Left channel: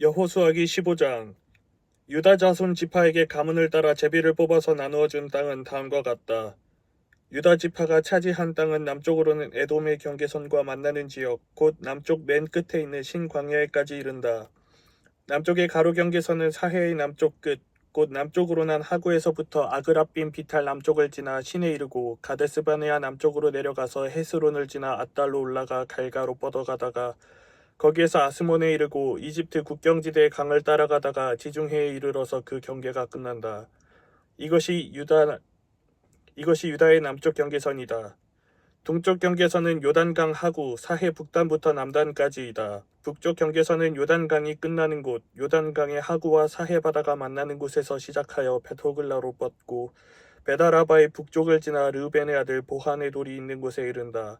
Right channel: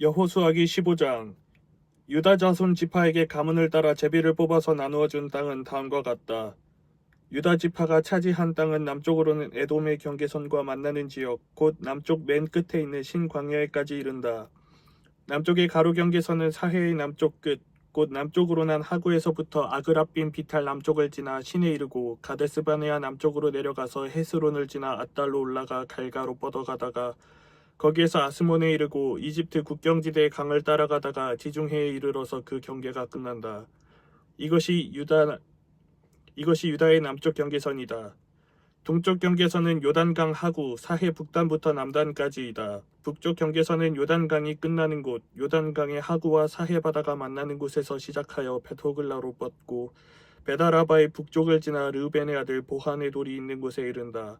여호수아기 15장 유다 자손 지파에게 가문을 따라 제비를 뽑아서 나누어 준 땅은 다음과 같다. 유다 지파가 차지한 땅은 남쪽으로는 에돔의 경계선과 만나는 지역, 곧 남쪽 맨 끝에 있는 신광야에까지 이른다. 남쪽의 가로 경계선은 사해의 남쪽 끝, 곧 남쪽으로 난 하구에서부터 아그라빔 비탈 남쪽을 지나 신에 이르고 가데스바네아 남쪽으로 내려가서 헤스론을 지나 아달로 올라가 갈가로 뻗어가다가 거기에서 아스몬에 이르고 이집트 국경지대의 강을 따라가다가 지중해에 이르러서 그 경계가 끝난다. 이것이 유다 이것이 유다의 남쪽 경계선이다. 동쪽 경계선은 요단강 하구 사해 북단부터 남단까지이다. 북쪽 경계선은 요단강이 끝나는 곳, 요단강의 하구와 사해 바다가 만나는 곳에서 시작하여 베토글라로 뻗고 베다라바의 북쪽을 지나 르벤의 아들 보한의 돌이 있는 곳에 이른다.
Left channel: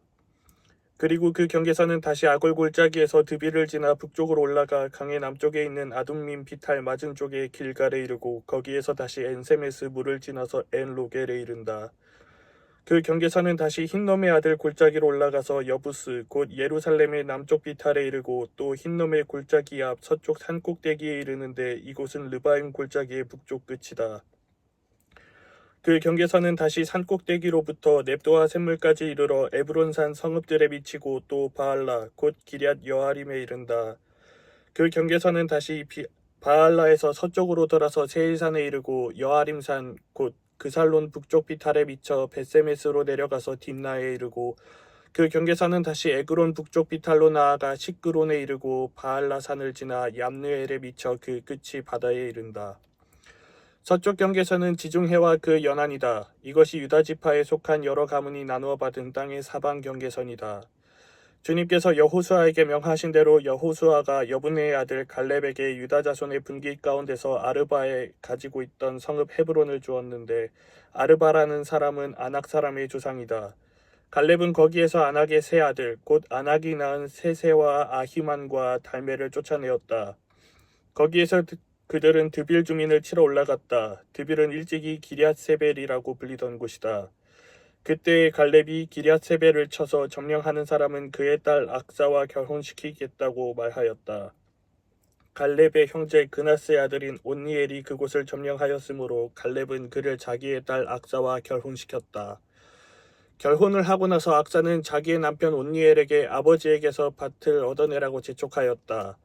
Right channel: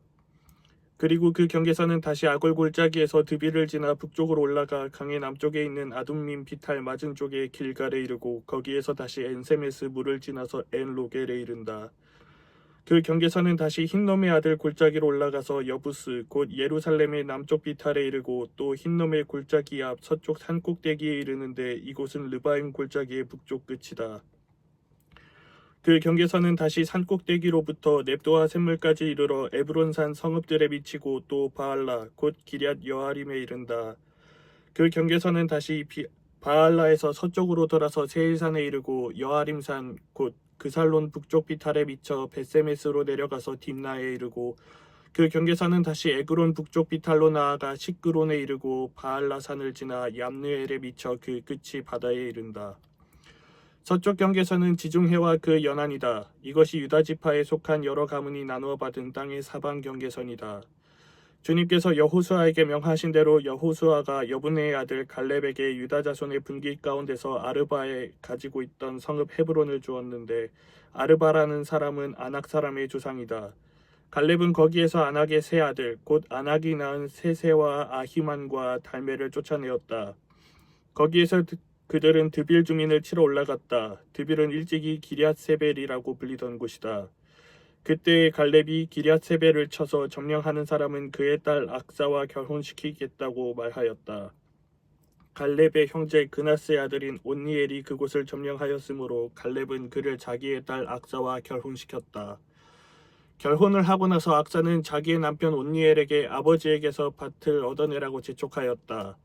그리고 그 경계선은 다시 아골 골짜기에서 드비를 지나 북쪽으로 올라가 강의 남쪽에 있는 아둠민 비탈 맞은 쪽에 길갈에 이르고 거기에서 다시 엔세메스 물을 지나서 엔로겔에 이른다. 그 경계선은 다시 흰놈의 아들 골짜기로 올라가서 여부스 곧 예루살렘의 남쪽 비탈에 이르고 또 흰놈의 골짜기 앞 서쪽 산꼭대기에 이르는데 이곳은 르바임 골짜기의 북쪽 끝이다. 그 경계선은 다시 산꼭대기로부터 넵도와 샘물까지 이르러 에브론산 성읍들에 미치고 또 바알라 곧 기럇 여아림에 이른다. 그 경계선은 다시 비, 바알라에서 서쪽으로 돌아서 세일산에 이르고 여아림산 곧 그살론 북쪽 비탈에 미쳐 베세메스로 내려가서 딥나에 이르고 그 경계선은 다시 에그론 북쪽 비탈로 나아가 시크론에 이르고 바알라산을 지나 얌느엘에 미쳐 그 끝이 바다에 이른다. 서쪽 경계선은 지중해와 그 연안이다. 이것이 유다 지파에 속한 여러 가문이 나누어 받은 땅의 사방 경계선이다. 주님께서 여호수아에게 명하신 대로 여호수아가 여분의 아들 갈렙에게 유다 자손의 분기 가운데서 아르바에 가지고 있던 성읍 헤브론을 주었는데 아르바라는 사람은 아낙 사람의 조상이다. 갈렙은 거기에서 아낙의 세 아들 곧 아낙이 낳은 세세와 아히만과 달메를 쫓아내었다. 거기에서 드- 그들은 드빌 주민을 치러 올라갔다. 드빌은 일찍이 기리앗세벨이라고 불리던 곳이다. 그때 갈렙이 기리앗세벨을 쳐서 점령하는 사람은 그의 딸 악사와 결혼시키겠다고 말하였다. 갈렙의 형제 그나스의 아들인 온니엘이 그곳을 점령하였으므로 갈렙은 그를 자기의 딸 악사와 결혼시켰다. 결혼을 하고 나서 악사는 자기의 남편 온니엘에게 아버지에게서 밭을 얻어내라고 재촉하였다.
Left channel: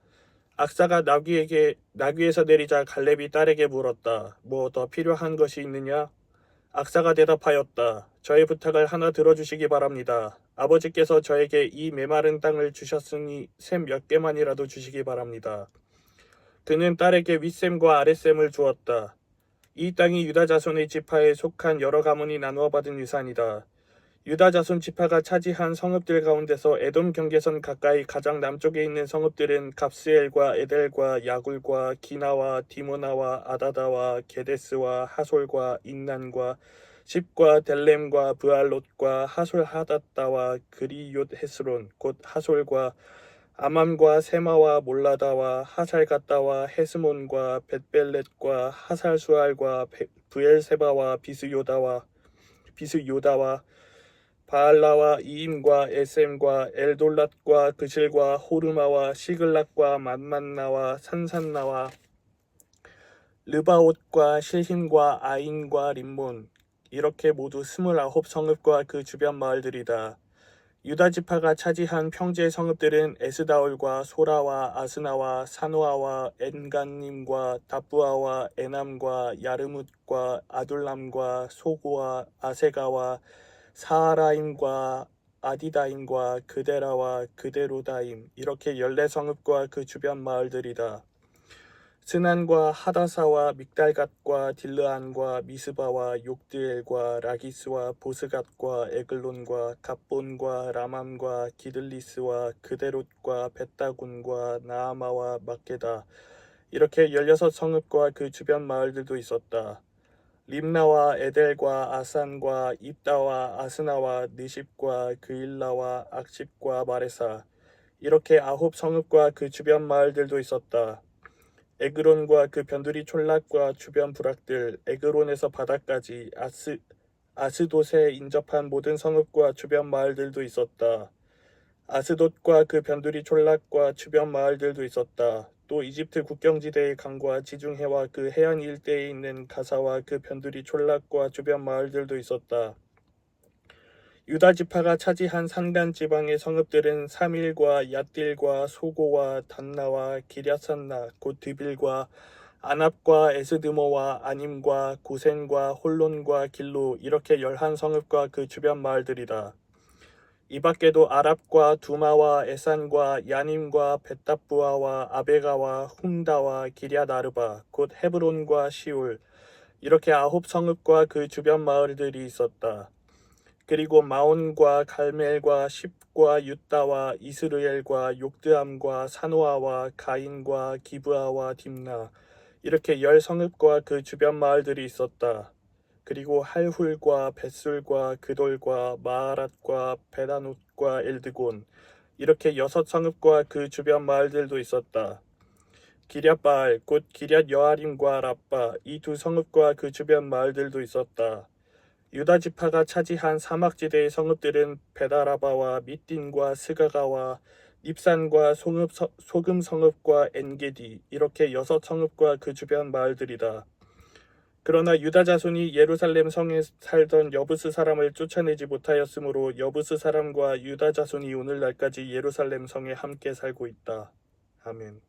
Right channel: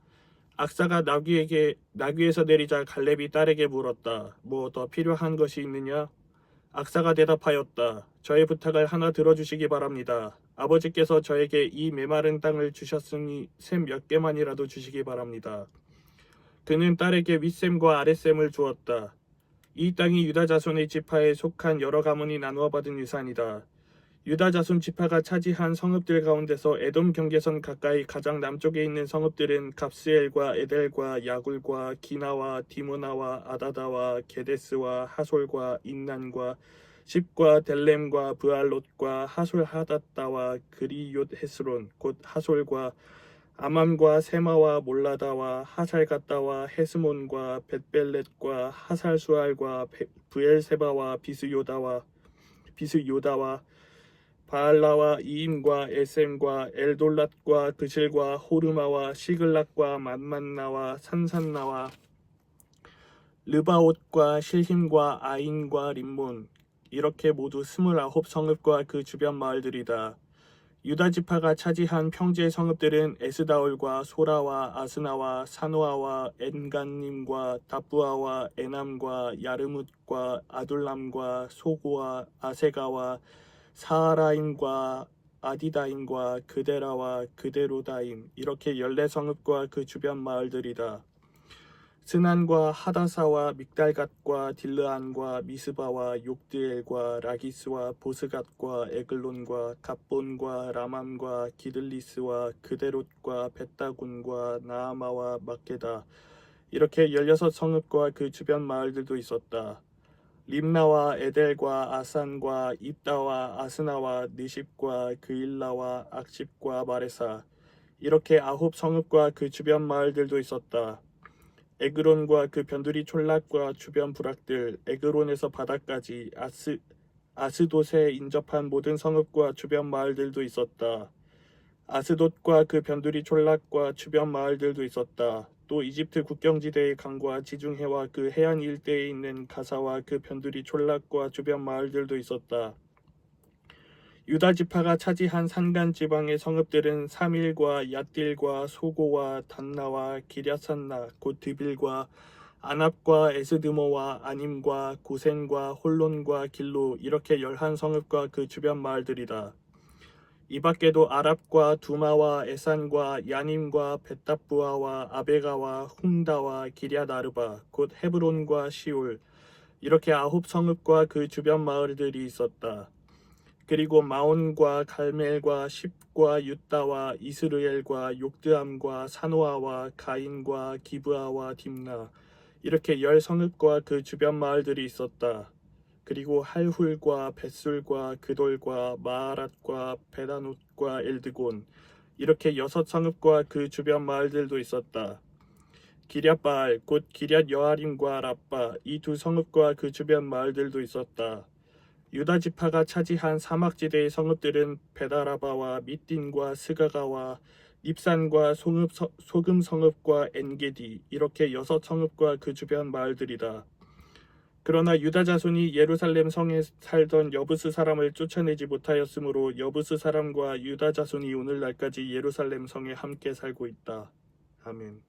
악사가 나귀에게 나귀에서 내리자 갈렙이 딸에게 물었다. 뭐 더 필요한 것이 있느냐? 악사가 대답하였다. 저의 부탁을 하나 들어주시기 바랍니다. 아버지께서 저에게 이 메마른 땅을 주셨으니 샘 몇 개만이라도 주시기 바랍니다. 그는 딸에게 윗샘과 아랫샘을 주었다. 이 땅이 유다 자손의 지파에 속한 여러 가문이 나누어 받은 유산이다. 유다 자손 지파가 차지한 성읍들 가운데서 에돔 경계선 가까이 가장 남쪽에 있는 성읍들은 갑스엘과 에델과 야굴과 기나와 디모나와 아다다와 게데스와 하솔과 인난과 십과 델렘과 브알롯과 하솔 하다다와 그리욤 헤스론 곧 하솔과 아맘과 세마와 몰라다와 하살가다와 헤스몬과 벳벨렛과 하살수알과 베- 브엘세바와 비스요다와 비스요다와 바알라와 이임과 에셈과 엘돌랏과 그실과 호르마와 시글락과 만만나와 산산나와 르바옷과 실힘과 아인과 림몬 이렇게 모두 스물아홉 성읍과 그 주변 마을들이다. 유다 지파가 차지한 평지의 성읍들은 에스다올과 소라와 아스나와 사노아와 엔간님과 다부아와 에남과 야르뭇과 아둘람과 소고와 아세가와 사하라임과 아디다임과 그데라와 그데로다임 이렇게 열네 성읍과 그 주변 마을들이다. 스난과 하다사와 믹달갓과 딜르안과 미스바와 욕드엘과 라기스와 보스갓과 에글론과 갑본과 라맘과 기들리스와 그데롯과 벳다군과 나아마와 막게다 이렇게 열여섯 성읍과 그 주변 마을들도 있었다. 림나와 에델과 아산과 입다와 아스나와 느십과 그일라와 악십과 마레사 이렇게 아홉 성읍과 그 주변 마을들도 있었다. 에그론과 그 변두리 촌락과 주변 부락들 에그론에서 바다까지 아스 아스돗에 인접한 모든 성읍과 주변 마을들도 있었다. 아스돗과 그 변두리 촌락과 주변 마을들도 있었다. 또 이집트 국경지대의 강과 지중해와 그 해안 일대에 있는 가사와 그 변두리 촌락과 주변 마을들도 있었다. 유다 지파가 차지한 산간 지방의 성읍들은 사밀과 얏딜과 소고와 단나와 기랴산나 곧 드빌과 아납과 에스드모와 아님과 고센과 홀론과 길로 이렇게 열한 성읍과 그 주변 마을들이다. 이 밖에도 아랍과 두마와 에산과 야님과 베탑부아와 아베가와 훔다와 기랴나르바 곧 헤브론과 시울 이렇게 아홉 성읍과 그 주변 마을들이 있었다. 그리고 마온과 갈멜과 십과 유다와 이스르엘과 욕드암과 사노아와 가인과 기브아와 딥나 이렇게 열 성읍과 그 주변 마을들이 있었다. 그리고 할훌과 벳술과 그돌과 마하랏과 베다노과 엘드곤 이렇게 여섯 성읍과 그 주변 마을들도 있었다. 기랴바알 곧 기랴 여아림과 라빠 이 두 성읍과 그 주변 마을들도 있었다. 유다 지파가 차지한 사막지대의 성읍들은 베다라바와 미딘과 스가가와 서- 소금 성읍과 엔게디 이렇게 여섯 성읍과 그 주변 마을들이다. 그러나 유다 자손이 예루살렘 성에 살던 여부스 사람을 쫓아내지 못하였으므로 여부스 사람과 유다 자손이 오늘날까지 예루살렘 성에 함께 살고 있다. 아멘.